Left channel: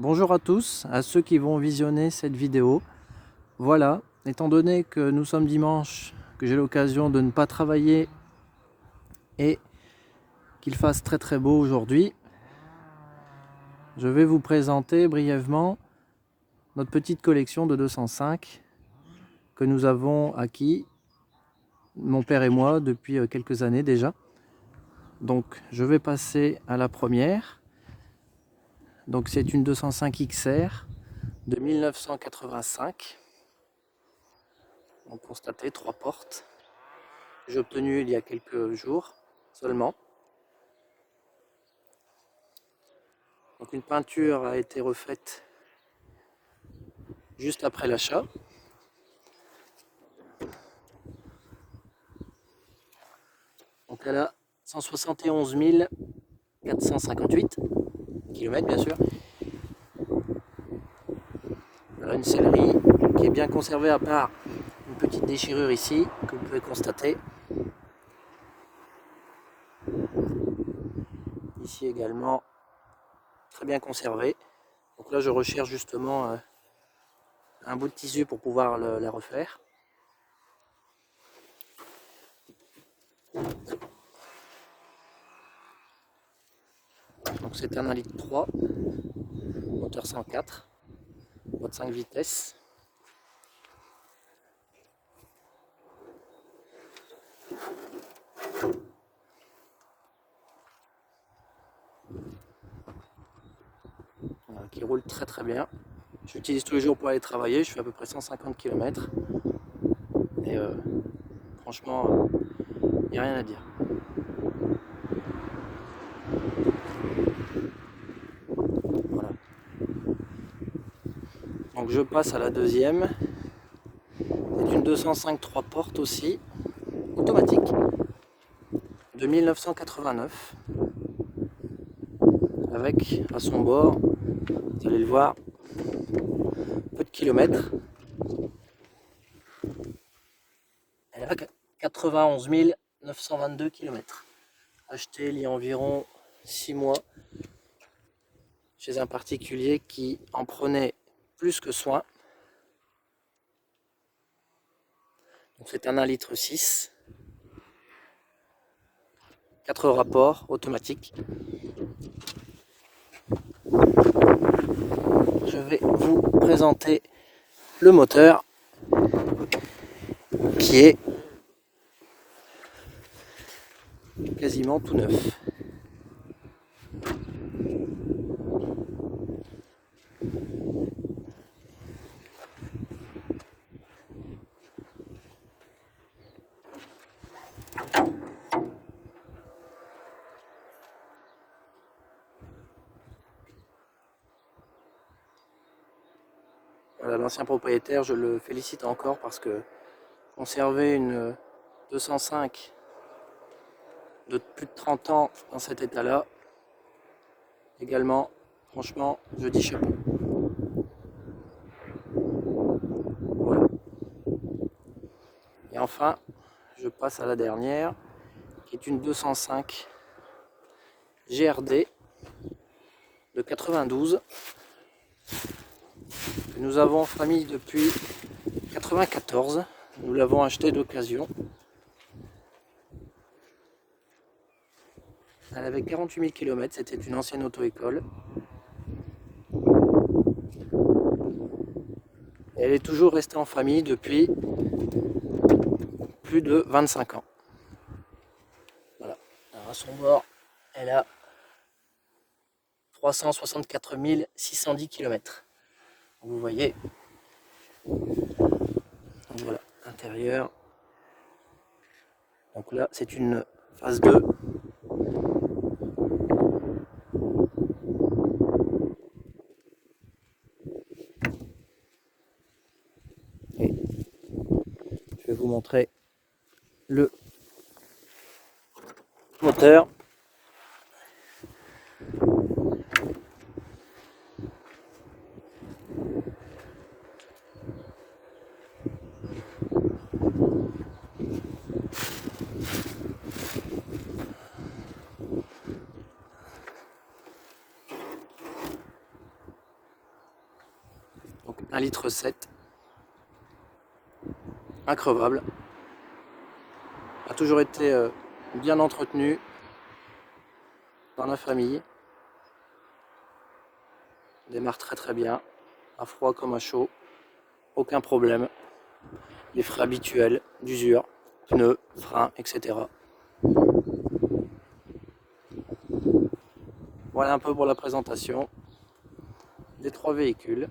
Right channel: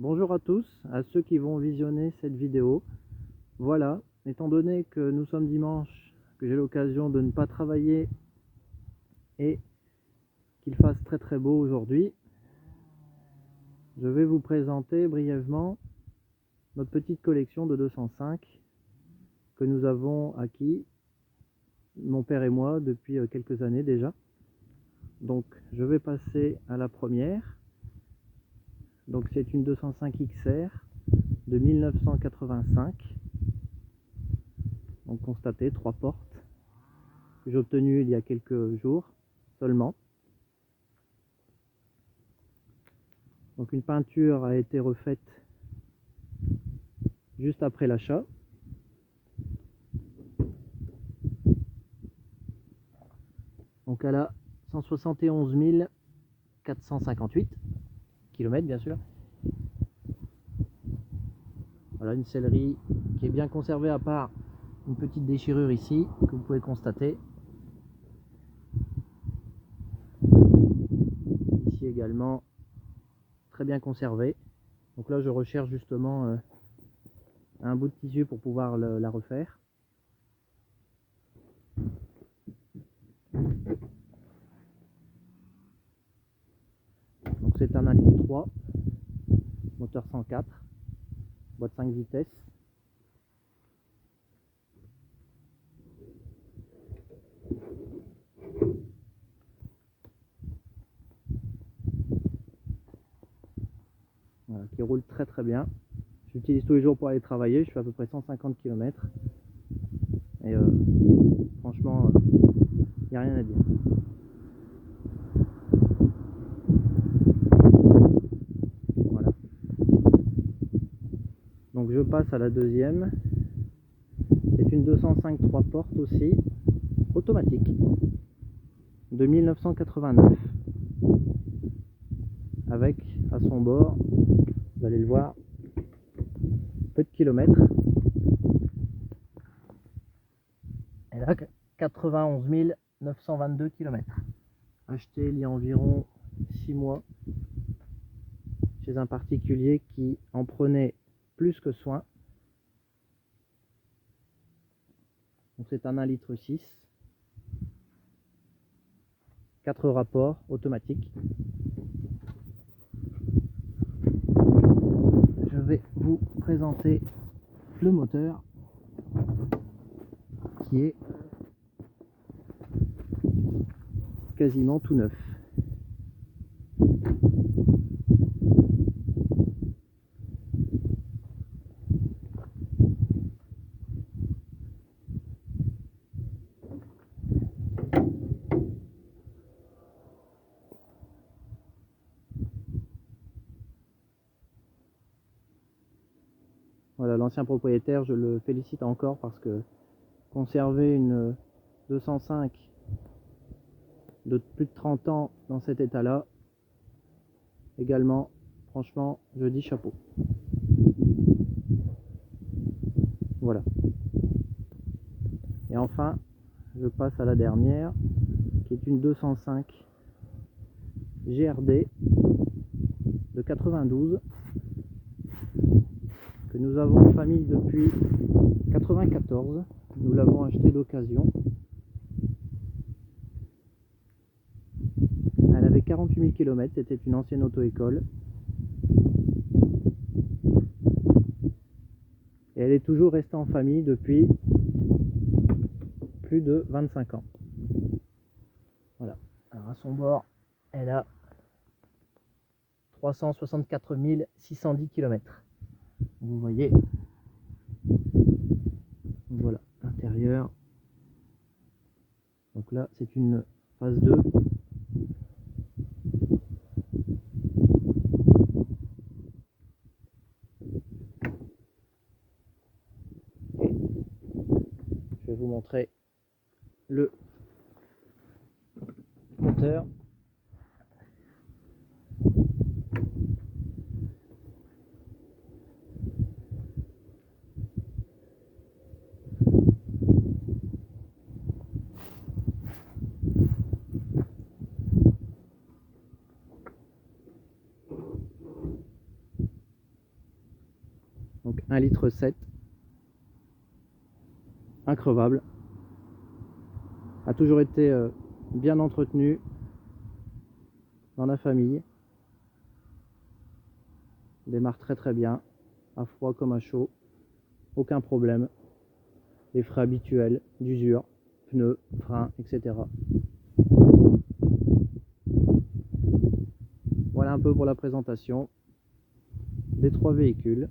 Bonjour à tous, à ceux qui vont visionner cette vidéo. Voilà, étant donné que nous sommes dimanche, que j'ai l'occasion de ne pas travailler et qu'il fasse très beau aujourd'hui, je vais vous présenter brièvement notre petite collection de 205 que nous avons acquis, mon père et moi, depuis quelques années déjà. Donc je vais passer à la première. Donc c'est une 205 XR de 1985. On constatait 3 portes que j'ai obtenues il y a quelques jours seulement. Donc une peinture a été refaite juste après l'achat. Donc elle a 171 458 km bien sûr. Voilà une sellerie qui est bien conservée à part une petite déchirure ici que vous pouvez constater. Ici également très bien conservé. Donc là je recherche justement un bout de tissu pour pouvoir la refaire. Donc c'est un 1,3 litre, moteur 104, boîte 5 vitesses. Voilà, qui roule très bien. Je l'utilise tous les jours pour aller travailler, je fais à peu près 150 km. Et franchement, il n'y a rien à dire. Voilà. Donc je passe à la deuxième. C'est une 205 3 portes aussi, automatique, de 1989. Avec à son bord, vous allez le voir, peu de kilomètres. Elle a 91 922 km. Acheté il y a environ 6 mois chez un particulier qui en prenait plus que soin. Donc c'est un 1,6 litre, 4 rapports automatiques. Je vais vous présenter le moteur qui est quasiment tout neuf. Voilà, l'ancien propriétaire, je le félicite encore parce que conserver une 205 de plus de 30 ans dans cet état-là, également, franchement, je dis chapeau. Voilà. Et enfin, je passe à la dernière, qui est une 205 GRD de 92, que nous avons en famille depuis 94. Nous l'avons acheté d'occasion. Elle avait 48 000 km, c'était une ancienne auto-école. Et elle est toujours restée en famille depuis plus de 25 ans. Voilà. Alors à son bord, elle a 364 610 km. Vous voyez. Donc voilà, l'intérieur. Donc là, c'est une phase 2. Et je vais vous montrer le moteur. Donc 1,7 litre, increvable, a toujours été bien entretenu dans la famille, démarre très bien, à froid comme à chaud, aucun problème, les frais habituels d'usure, pneus, freins, etc. Voilà un peu pour la présentation des 3 véhicules.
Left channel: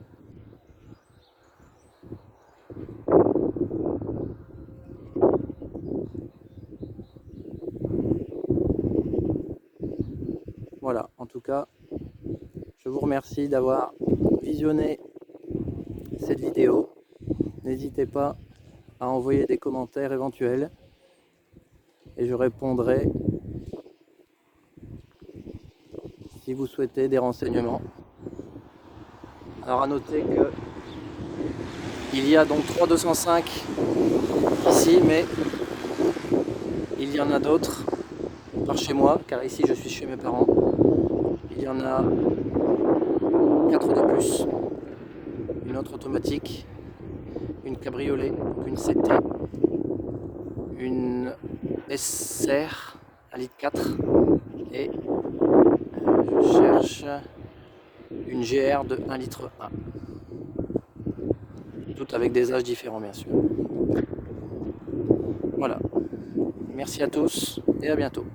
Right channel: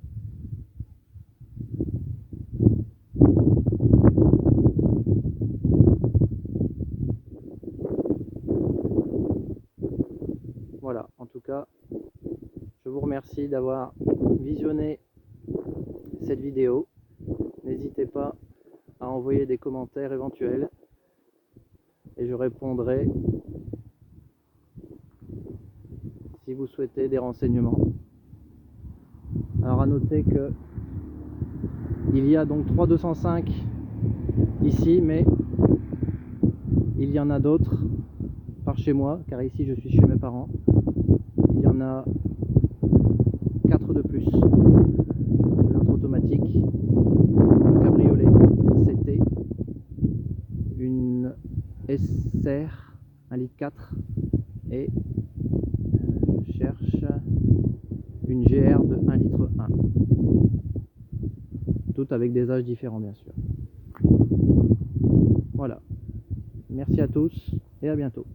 Voilà, en tout cas, je vous remercie d'avoir visionné cette vidéo. N'hésitez pas à envoyer des commentaires éventuels et je répondrai si vous souhaitez des renseignements. Alors à noter que il y a donc 3 205 ici, mais il y en a d'autres par chez moi, car ici je suis chez mes parents. Il y en a 4 de plus. Une autre automatique, une cabriolet, une CT, une SR 1,4 litre et je cherche une GR de 1,1 litre. Toutes avec des âges différents bien sûr. Voilà. Merci à tous et à bientôt.